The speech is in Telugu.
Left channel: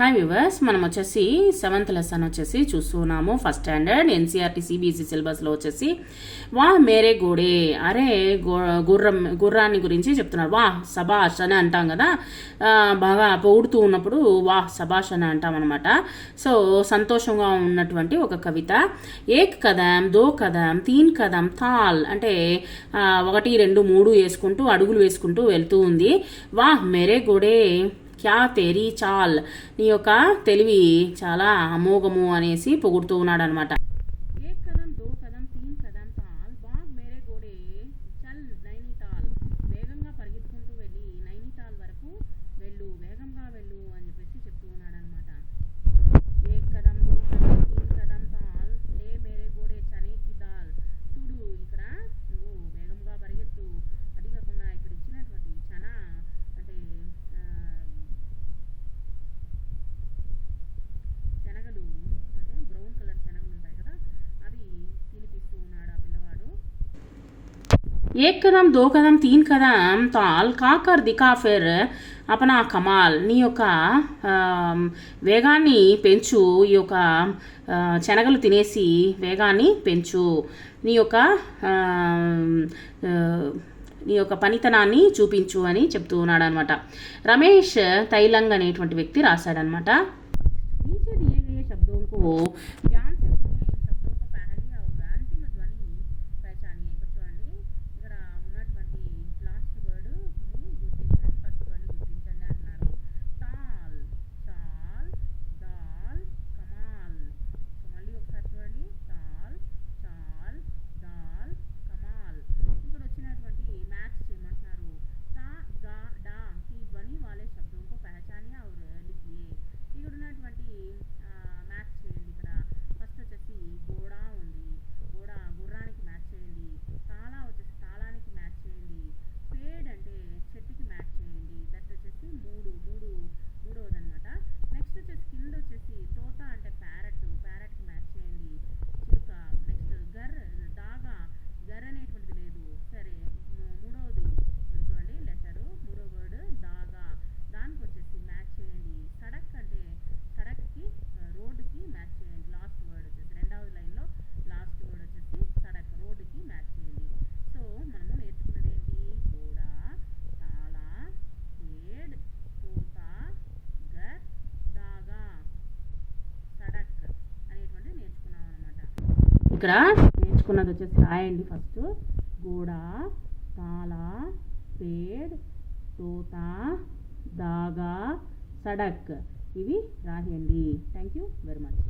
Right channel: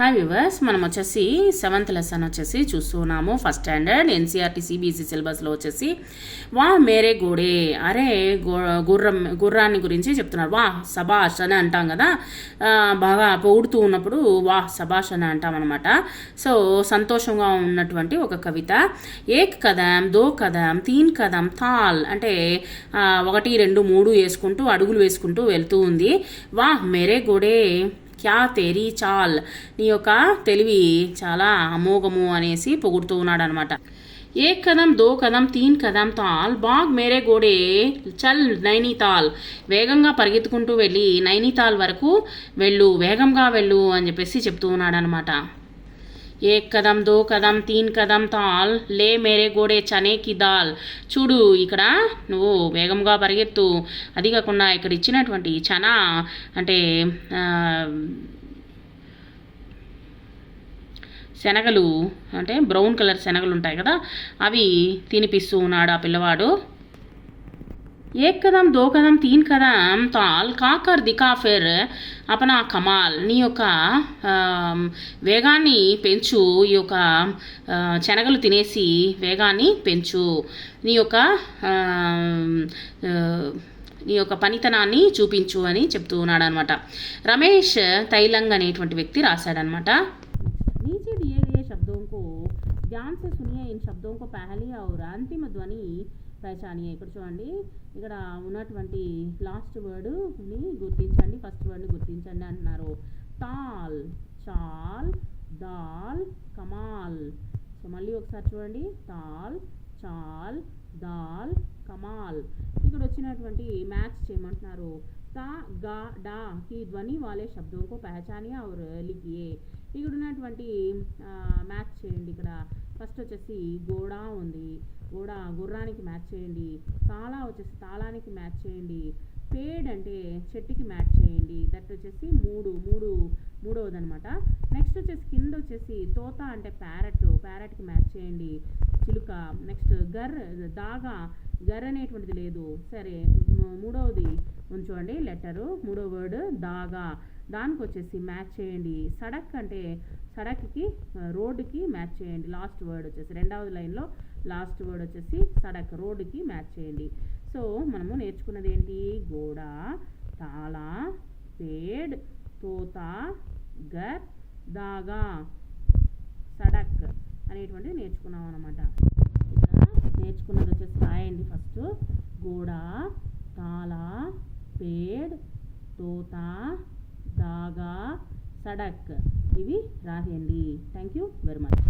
హాయ్ వ్యూవర్స్, మనం వచ్చేసి 7th లెసన్ వచ్చేసి చూస్తున్నాము. ఫస్ట్ స్టాండర్డ్ ఎన్సీఆర్టీ సిబిఎస్ఈ సిలబస్లో వచ్చేసి వా మేరే గోడే, అరే గుర్రాన్ని గురించి చెప్తున్నారు. వా సబాష్ అని అంటాం కదా, బాగా పొగుడుతూ ఉన్నప్పుడు వా సబాష్ అని అంటాం అనమాట. సో సంతోషంగా ఉన్నటువంటి ఒక కవిత. ఏక్ కదం, దో కదం, తీన్ కదం, తాల్ అంటే 1, 2, 3 వేసుకుంటూ అడుగులు వేసుకుంటూ వెళ్తూ ఉంది. వా మేరే గోడే క్యా తేరీ చాల్, నీ యొక్క తెలివి చాలా అమోఘము అనేసి పొగుడుతూ ఉన్నాడు అనమాట. ఏక్ కదం, దో కదం, తీన్ కదం, తాల్, బాగ్ మేరే గోడే చల్ నైనీతాల్, వేగంగా పరిగెత్తుకుంటూ వెళ్ళి నైనీతాల్ వరకు వెళ్ళు, వేగంగా వెళ్ళు అని చెప్పేసి చెప్తూ ఉన్నాడు అనమాట. ఏక్ కదం, దో కదం, తీన్ కదం, తాల్, లే మేరే గోడే చనే కి దాల్, చూడు ఇక్కడ నువ్వు వేగంగా పరిగెత్తు, అది కాకుండా ఇక్కడ ఇచ్చినటువంటి చనా అంటే శనగలు, అంటే బ్రౌన్ కలర్ శనగలు ఉంటాయి కదా, అవి తినిపిస్తూ ఉన్నాడు ఆ పిల్లవాడు. ఏక్ కదం, దో కదం, తీన్ కదం, తాల్, కాకర్ దికా ఫిర్ అపనా కమాల్, నీ యొక్క వేగాన్ని పెంచు, ఈ యొక్క శనగలు తినేసి వేగాన్ని పెంచు, నీ యొక్క పనితనాన్ని చూపించు అని చెప్తూ ఉన్నాడు అనమాట. రమేష్ తైలంగ్ అనేటువంటి వ్యక్తి రాశాడనమాట. नीचे दिए गए शब्दों को ध्यान से सुनिए, इन शब्दों को पहली और अंतिम ध्वनि పహచానియే. ఇక్కడ చూడండి, ఇక్కడ ఉన్నటువంటి లాస్ట్ వర్డ్ని గుర్తించండి, ఫస్ట్ వర్డ్ని గుర్తించండి అంటున్నారు. తాల్, చాల్, దాల్, కమాల్. సో మళ్ళీ ఒకసారి చూడండి, తాల్, చాల్, దాల్, కమాల్. ఇక్కడ వచ్చినటువంటి మ్యాచ్ చేయమంటున్నారు. తా, గా, డా की ध्वनि वाले शब्दों को पहचानिए और लिखिए. ఇక్కడ ఉన్నటువంటి మ్యాచ్ చేయండి. ఇక్కడ ఫస్ట్ వచ్చేసి గోడా ఉంది, గోడా గుర్రానికి మ్యాచ్ చేయండి. తాళా వచ్చేసి తాళానికి మ్యాచ్ చేయండి. పేడ్ అంటే చెట్టుకి మ్యాచ్ చేయండి. దట్ వచ్చేసి మూడవది అనమాట. నెక్స్ట్ వచ్చేసి కింద వచ్చేసి తోత అంటే ప్యారెట్కి మ్యాచ్ చేయండి, చిలుక. నెక్స్ట్ దాగా గర్ అనేటువంటిది లేదు, సరే మూడవది ఉంచండి లెటరు, మూడో వర్డ్ దాగా, దానికి వచ్చేసి మ్యాచ్ చేయండి. సడక్ అంటే సడక్కి రోడ్డుకి మ్యాచ్ చేయండి. లాస్ట్ వర్డ్ వచ్చేసి రెండవది లైన్లో లాస్ట్ వర్డ్ వచ్చేసి సడక్, రోడ్డుకి మ్యాచ్ చేయండి. సో మనము నేర్చుకున్నది ఏంటి? గోడా, తాళా, పేడ్, తోత, గర్, దాగా, సడక్ అనేటువంటివి నేర్చుకున్నాం అనమాట. ఇక్కడ నేర్చుకున్నది వచ్చేసి రాయండి. ఫస్ట్ గోడా, తాళా, పేడ్, తోత, దాగా, సడక్, ఇవి రాయండి. Thank you very much.